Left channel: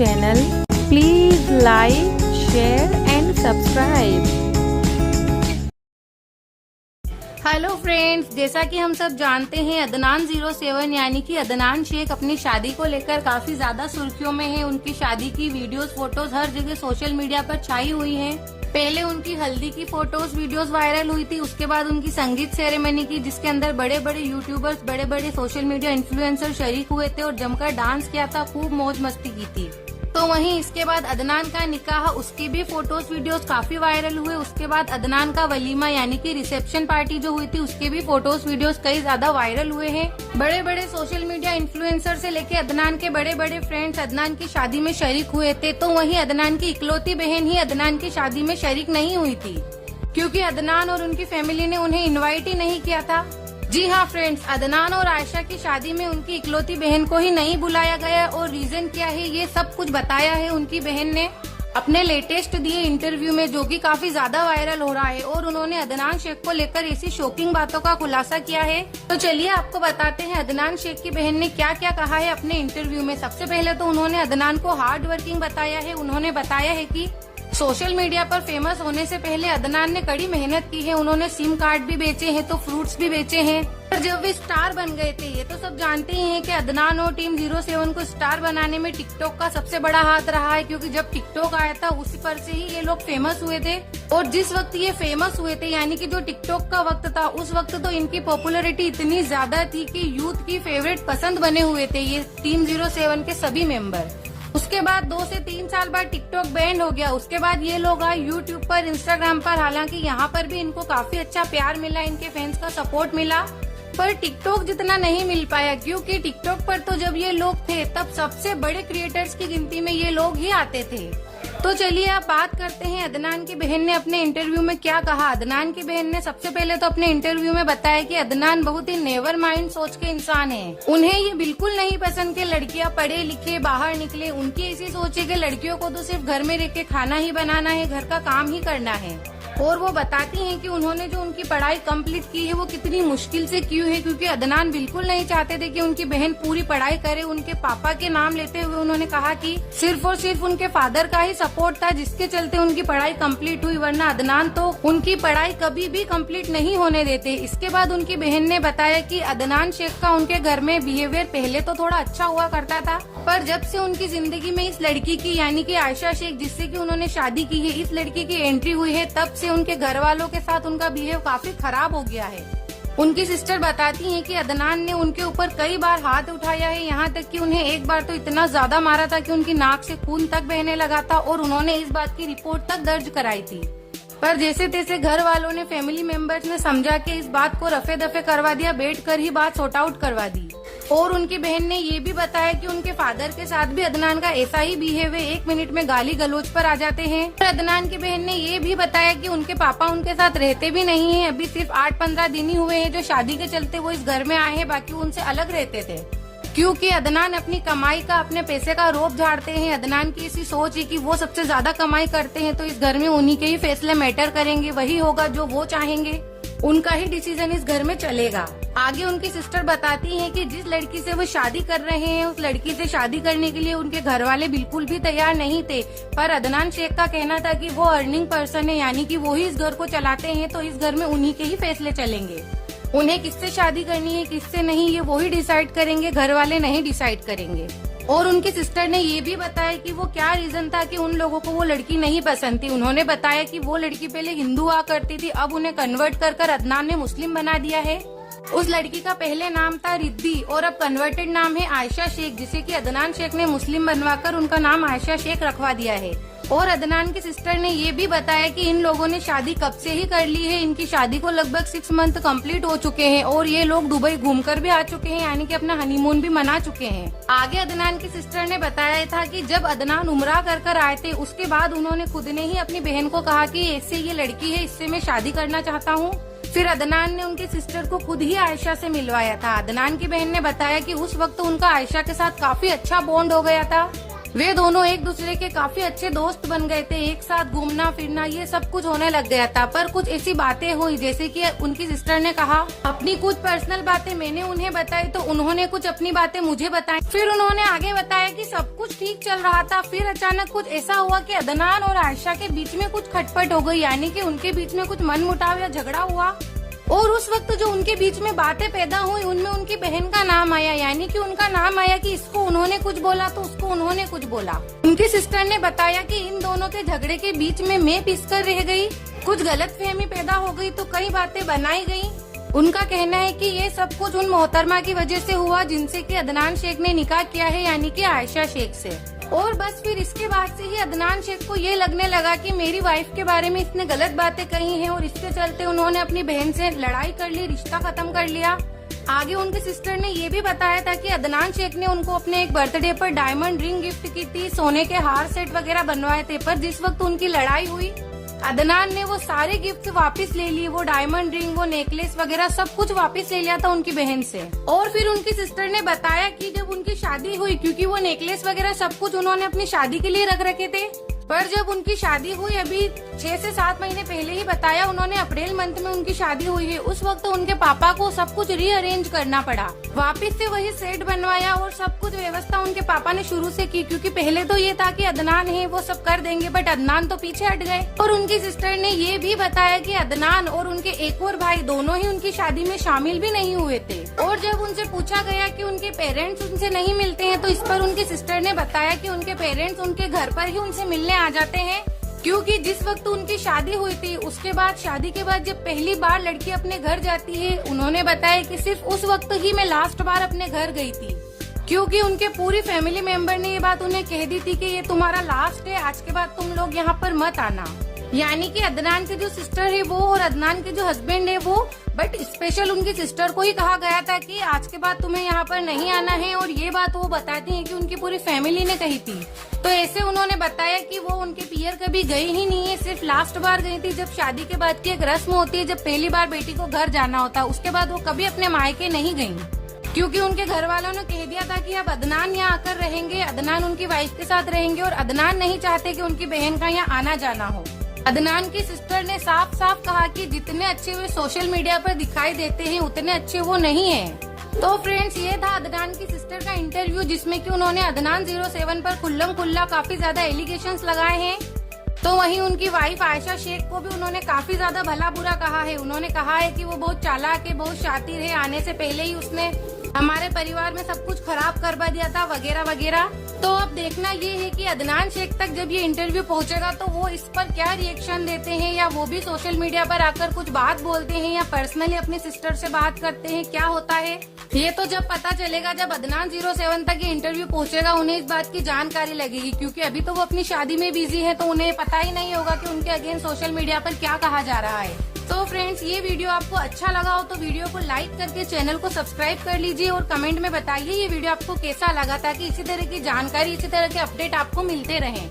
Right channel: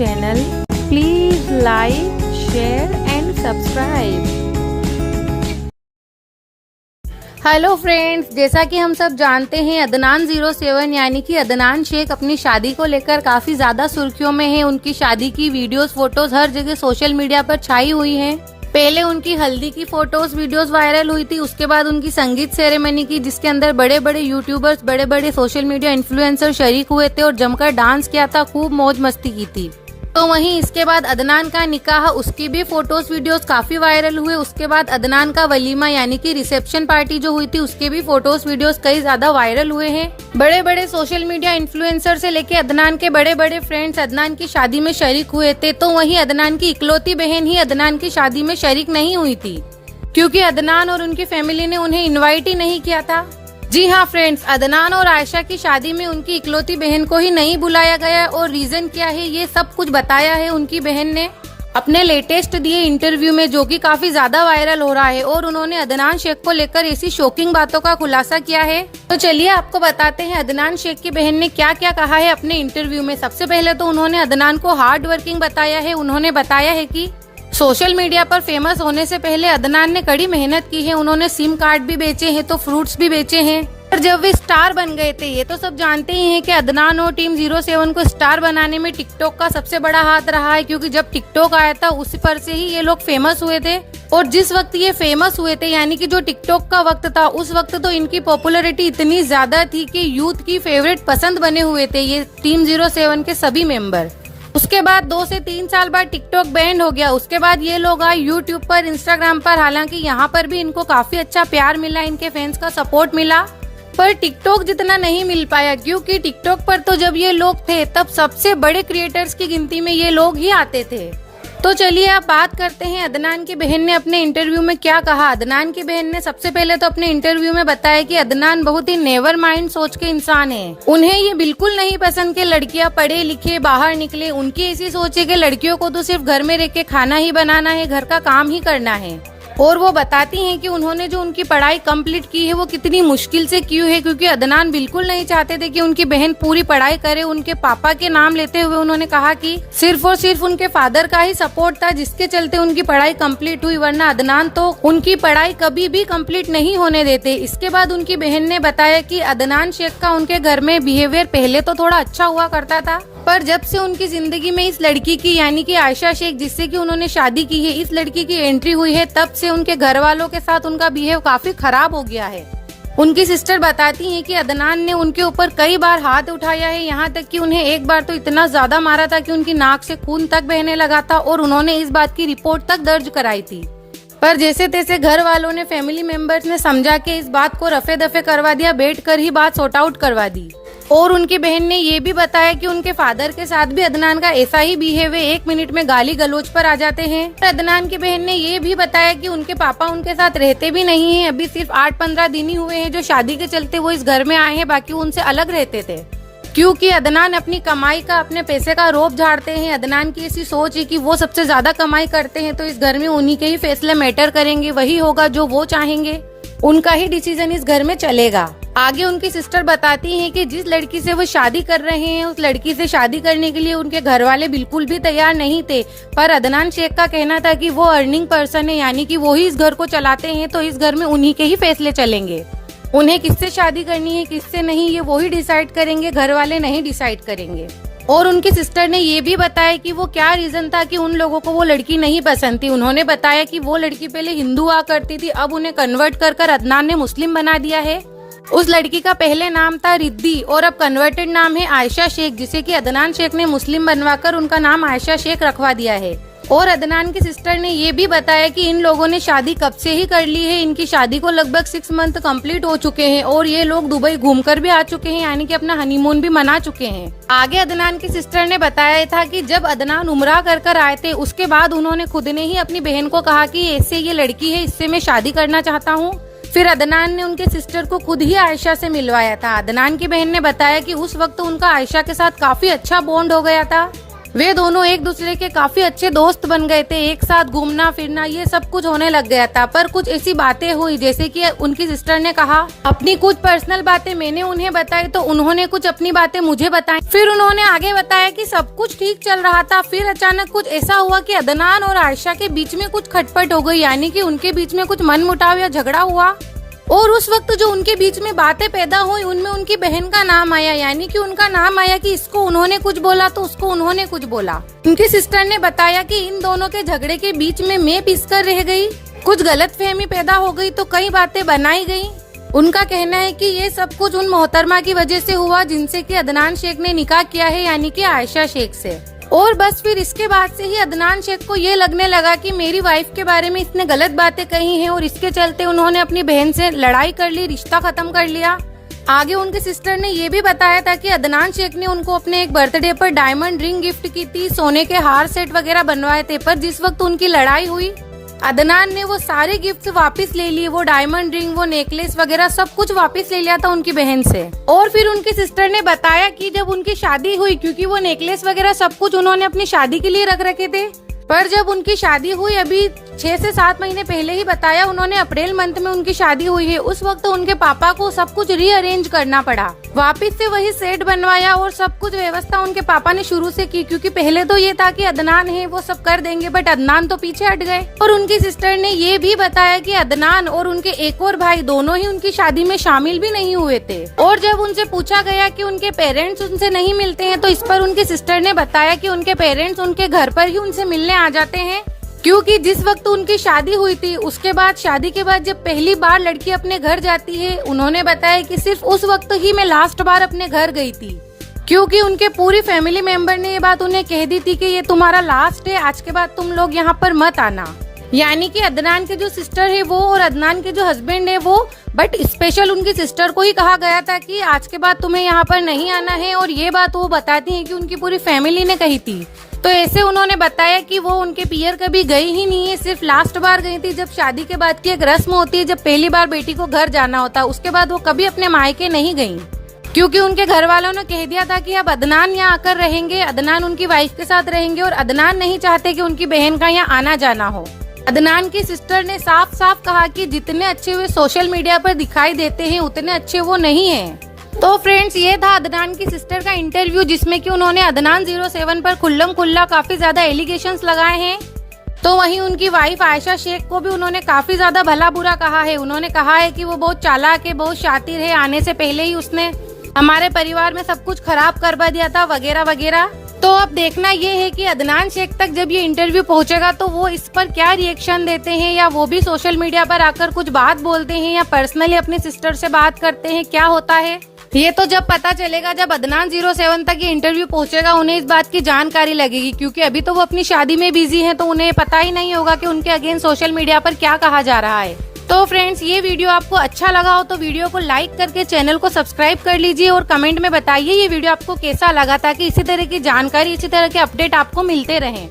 channel. Please like, share and subscribe. Hello friends, जैसा कि हम सब जानते हैं अदनान 07 यानी कि अदनान शेख अपनी शादी को लेकर काफी ज्यादा सुर्खियों में है। उनकी शादी की वीडियोस फोटोज हर जगह सोशल मीडिया पर छाई हुई हैं। पहले उनकी हल्दी की फोटोज वीडियोस वायरल हुई थी, उसके बाद उनकी संगीत सेरेमनी की जिसके अंदर बड़े बड़े यूट्यूबर्स, बड़े बड़े सोशल मीडिया इन्फ्लुएंसर शरीक हुए थे और जमकर डांस किया था, खूब मौज मस्ती की थी। तो वहीं इसके बाद अदनान का निकाह, उसकी भी फोटोज वीडियोस काफी वायरल हुए। उसके बाद अदनान का वलीमा यानी कि रिसेप्शन पार्टी जो हुई थी उसके भी फोटोज वीडियोस कई ज्यादा वायरल हुए हैं। बड़े बड़े सोशल मीडिया इन्फ्लुएंसर से लेके अदनान के बड़े बड़े फ्रेंड्स अदनान की शादी में शरीक हुए थे। तो वहीं अदनान की इकलौती बहन ही अदनान की शादी में शरीक नहीं हुई थी, क्योंकि अदनान और उनकी फैमिली ने उन्हें इन्वाइट ही नहीं किया था। जी हाँ फ्रेंड्स, अदनान और आयशा की शादी में उनकी इकलौती बहन को ही नहीं बुलाया गया और रीजन क्या है ये सब कुछ बताया है उनकी बहन ने अपने लेटेस्ट दिए इंटरव्यू में, जो कि काफी ज्यादा वायरल हो रहा है। और उन्होंने अदनान शेख को लेकर ऐसी शॉकिंग बातों का खुलासा किया है। तो चलिए आपको बताते हैं अदनान शेख की बहन ने क्या क्या कहा है अपने इंटरव्यू में। सबसे पहले तो उन्होंने अदनान को हार्ड वर्किंग बताया है। उन्होंने बताया है कि सोशल मीडिया पर फेमस होने से पहले अदनान ने कड़ी मेहनत की है। उन्होंने सिम कार्ड भी बेचे हैं तो फ्रूट्स भी बेचे हैं। और जब वे स्टार बन गए थे, ये तो सब जानते ही हैं कि अदनान और टीम 07 को स्टार बनाने में टिकटॉक का सबसे बड़ा हाथ रहा है, क्योंकि जब टिकटॉक आया था उसी पर से ही ये लोग फेमस हुए थे। और जिस वक्त ये फेमस हुए थे यानी कि जो टिकटॉक का वक्त था, उस वक्त तो इनकी पॉपुलैरिटी इतनी ज्यादा थी कि यूथ की फेवरेट पसंद बने हुए थे ये टीम 07 के सभी मेंबर। उसके बाद 2 से 3 साल बाद टिकटॉक बैंड हो गया। उसके बाद ये लोग आए यूट्यूब पर, इंस्टाग्राम पर। हालांकि यहाँ पर भी इनको काफी अच्छा प्यार मिला, इनके फैंस का सपोर्ट मिला, पर टिकटॉक जितना नहीं मिल पाया, क्योंकि टिकटॉक पर तो जब ये लोग थे तब सबसे बड़े क्रिएटर्स की गिनती में ये लोग ही आते थे। तो चलिए आप बात करते हैं अदनान की बहन ने अपने इंटरव्यू में क्या कहा। अदनान की बहन ने सबसे पहले तो अपने इंटरव्यू में बताया कि अदनान बहुत ही नेवर माइंड सोच के इंसान है। उन्हें ये बिल्कुल नहीं पसंद कि लड़कियां पढ़े लिखे बाहर निकले। उनकी ऐसी सोच है कि लड़कियों को तो सिर्फ घर में रह के खाना ही बनाना है, घर का काम ही करना है। और वो बताती हैं कि उन्होंने जो उनकी पढ़ाई कंप्लीट की है वो कितनी मुश्किल से की है, क्योंकि अदनान बिल्कुल नहीं चाहते थे कि उनकी बहन पूरी पढ़ाई करे। उनके पापा के नाम लेते हुए उन्होंने कहा कि सिर्फ और सिर्फ उनके फादर का ही सपोर्ट था जिसके चलते उनकी पढ़ाई कंप्लीट हुई, वरना अदनान तो उनकी पढ़ाई कभी भी कंप्लीट नहीं होने देते। इसके बाद उनकी बहन ने बताया कि अदनान शेख का उनके घर में बिहेवियर पहले तो थोड़ा अच्छा हुआ करता था, पर जब से उनकी जिंदगी में इस लड़की की यानी कि आयशा शेख, जिससे कि उन्होंने शादी की है, इस लड़की की एंट्री हुई है, तब से उनके घर वालों के साथ उनका बिहेव काफी खराब हो गया है। उनकी सिस्टर बताती हैं कि अदनान ने उनके ऊपर कई बार हाथ उठाया है, यहाँ तक कि उन्हें एक बार तो इतना ज्यादा मारा था कि उनकी नाक से खून तक बहने लगा था और उन्होंने इस बात की रिपोर्ट तक दर्ज कराई थी। पर जैसे तैसे घर वालों ने, फैमिली मेंबर्स ने समझा के इस बात को रफे दफे करवा दिया, बैठ कर ही बात सॉर्ट आउट करवा दी। और उनकी बहन ने ये भी बताया कि उनके फादर के साथ भी अदनान का ऐसा ही बिहेव है, 1 मिनट में गाली गलौज पर आ जाते हैं। और अदनान की बहन ने ये भी बताया कि उनके पापा उनके साथ रहते भी नहीं है। अभी सिर्फ 8-15 दिन ही हुए हैं जो शादी के चलते वो इस घर में आए हैं, बाकी उनसे अलग रहते थे, क्योंकि अदनान अपनी कमाई का, अपने पैसे का रोब झाड़ते हैं। अदनान की ऐसी सोच है कि वो सबसे ज्यादा कमाई करते हैं, तो इस घर में उन्हीं के ही फैसले मैटर करेंगे, वही होगा जो वो चाहेंगे, उनका ही डिसीजन इस घर में चलेगा। आगे उनकी सिस्टर बताती हैं कि जिस लड़की से वो शादी कर रहे हैं उस लड़की से शादी करने के लिए उनके घर वाले बिल्कुल भी तैयार नहीं थे, पर अदनान शेख का कहना था कि वो अर्निंग पर्सन है, यानी कि वो ही इस घर को चलाते हैं, तो इस घर में उन्हीं के ही फैसले चलेंगे। उन्हें किससे शादी करनी है किससे नहीं ये वो ही डिसाइड करेंगे, घर वाले नहीं डिसाइड करेंगे। और उनकी सिस्टर ने ये भी बताया कि वो क्या रीजन था कि उन लोगों को वो लड़की नहीं पसंद थी। उन्होंने बताया कि वो लड़की पहले हिंदू हुआ करती थी, अब उन्हें कन्वर्ट कर अदनान ने मुस्लिम बना दिया है। उस लड़की का पहले नाम था रिद्दी और अब कन्वर्टेड नाम है आयशा शेख, जिसे कि अदनान शेख ने मुस्लिम बनवाकर उनका नाम आयशा शेख रखवा दिया है। और अदनान की सिस्टर ने ये भी बताया कि इन लोगों ने शादी कब से ही कर ली है। इनकी शादी को लगभग 6 मंथ कंप्लीट हो चुके हैं और ये लोग दुबई घूमकर भी आ चुके हैं, यानी कि अपना हनीमून भी मना चुके हैं। आगे अदनान की सिस्टर ने बताया था कि जब अदनान उम्रा कर आए थे उसके बाद उन्होंने खुद ने ही अपनी बहन को कहा कि ऐसे ये लड़की है, इससे मैं शादी करना चाहता हूँ। फिर अदनान ने उनके सिस्टर को खुद ही आयशा से मिलवाया था। अदनान की बहन ने बताया कि उस वक्त उनका आयशा के साथ काफी अच्छा बॉन्ड हो गया था। वे दोनों एक दूसरे के काफी अच्छे दोस्त बन गए थे, एक साथ घूमना फिरना ये सब कुछ होने लग गया था। पर कुछ ऐसी बातें हुई, जैसे कि उनकी सिस्टर ने कहा अपनी कुछ पर्सनल बातें मैंने उन्हें बताई, तो उन्होंने कुछ अपनी बातें मुझे बताई। फिर उन्होंने आगे बताया कि सब कुछ ठीक चल रहा था, फिर अचानक कुछ ऐसा हुआ कि अदनान और आयशा के बीच में कुछ खटपट हो गई, यानी कि उनके बीच में कुछ मनमुटाव या झगड़ा हुआ। और उस वक्त जो उनके बीच में बातें पैदा हुई उनमें उनकी बहन का नाम आया, यानी कि उनका नाम आया कि इसको उन्होंने कुछ बोला तो उसको उन्होंने कुछ बोला। उनकी सिस्टर ने बताया कि इन दोनों के झगड़े के बीच में मैं पिसकर रह गई, कुछ गलतफहमी पैदा हो गई तो कई बातें बनाई गई। उनका कहना है कि ये सब कुछ उन मोहतरमा की वजह से हुआ जिनसे कि अदनान शेख ने निकाह किया है, यानी कि आयशा शेख से। और बस फिर इसके बाद से ही अदनान शेख को ये लगने लगा कि मेरी वाइफ के बारे में इसने गलत बातें कही हैं, और इसके चलते उन्होंने अपनी बहन से लड़ाई कर ली, रिश्ता खत्म कर लिया। आगे उनके सिस्टर ने ये भी बताया था कि अदनान शेख ने उनको अपने एक बर्थडे पर डायमंड रिंग गिफ्ट की थी, सोने के हार सेट वगैरह बनवाए थे, पर जिस वक्त उनकी लड़ाई हुई अदनान ने वो सारे गिफ्ट वापस ले लिए, वो डायमंड रिंग, वो नेकलेस वगैरह सब कुछ वापस ले लिया था उनकी बहन से। और फिर उनकी सिस्टर ने बताया कि जब उनकी शादी हुई, क्योंकि वो नेकलेस वगैरह सब कुछ उन्होंने अपनी शादी के लिए रख रखे थे, पर जब उनकी शादी हुई अभी 6 से 7 महीने पहले ही बताया उन्होंने, अप्रैल मंथ में उनकी शादी हुई है, उस वक्त उनके पापा को सब कुछ रीअरेंज करना पड़ा, वापस से वही सेट बनवाया और सब कुछ व्यवस्था उनके पापा ने शुरू से की, क्योंकि पहले तो ये था कि अदनान है वो सब कर देंगे, बट अदनान तो पीछे हट गए। और उनकी सिस्टर ने ये भी बताया कि अदनान और उनके एक और भाई दोनों ही उनकी शादी में शामिल भी नहीं हुए थे। और जब उनसे पूछा गया कि उनके पेरेंट्स उनसे नहीं मिलते हैं, तो इस पर उनकी सिस्टर ने बताया कि उनके पेरेंट्स उनके घर पर ही उनसे मिलने आ जाते हैं, क्योंकि जिस वक्त उनकी शादी हुई थी उसके बाद शादी के बाद जब पहली बार लड़की अपने घर जाती है, उन्होंने बताया कि सिर्फ उस वक्त ही मैं लास्ट बार अपने घर गई थी, क्योंकि उनके पूरी फैमिली मेंबर ने ये बात उन्हें कह दी थी कि ये तुम्हारा लास्ट है, आज के बाद तुम लोग यहाँ पर मत आना। यानी कि अदनान की जो सिस्टर है वो और अदनान के जो हस्बैंड है वो, बट स्पेशल उनकी सिस्टर को ही कहा गया था कि आज के बाद तुम्हें यहाँ पर नहीं आना है, और ये बात वो बताती है कि उनकी पूरी फैमिली ने कही थी। तो ऐसे उन्होंने बताया कि वो उनके पियर कभी गई ही नहीं है, सिर्फ लास्ट बार गई थी जब शादी के बाद की एक रस्म होती है, जब पहली बार बेटी को घर जाना होता है, उसके बाद वो कभी अपने मायके नहीं गयी, क्योंकि उनके घर वालों ने कह दिया था कि अब अदनान यहाँ आकर रहेंगे, अदनान उनकी वाइफ के साथ रहेंगे, और अदनान नहीं चाहते कि उनकी बहन का यहाँ आना जाना हो। अदनान की सिस्टर ने साफ साफ कहा कि जितने अच्छे वे सोशल मीडिया पर दिखाई देते हैं उतने अच्छे वो नहीं हैं। तो फ्रेंड्स, ये था अदनान की सिस्टर का इंटरव्यू, जिसमें कि उन्होंने अदनान 07 पर खुल्लम खुल्ला काफी ज्यादा एलिगेशंस लगाए हैं। तो वहीं उनकी वाइफ आयशा शेख को भी उन्होंने काफी ज्यादा भला बुरा कहा है। उन्होंने कहा है कि वो बहुत चालाक है, बहुत शातिर है, आने से पहले ही उसने हमारे परिवार में सब कुछ खराब करवा दिया था वगैरह वगैरह। तो अब देखना ये है कि अदनान शेख तक जब ये इंटरव्यू पहुंचेगा तो वो इस पर क्या रिएक्शन देते हैं, या वो भी सोशल मीडिया पर आकर कुछ बात बोलते हैं, या पर्सनली अपनी सिस्टर से बात करते हैं, क्या होता है ये तो जब पता चलेगा, जब अदनान 07 तक ये इंटरव्यू पहुंचेगा उन्हें इस बात की जानकारी लगेगी, क्योंकि अभी तो वो अपनी शादी में बिजी है, तो उन्हें पता ही नहीं होगा कि उनके अगेंस्ट सोशल मीडिया पर क्या कहा जा रहा है। तो फ्रेंड्स, ये वीडियो आपको अच्छा लगा हो तो वीडियो को लाइक करके चैनल को सब्सक्राइब कर लीजिए, और कमेंट में बताइए ये वीडियो आपको कैसा लगा, ताकि इसी तरह की जानकारी, इसी तरह के अपडेट आपको मिलते रहें।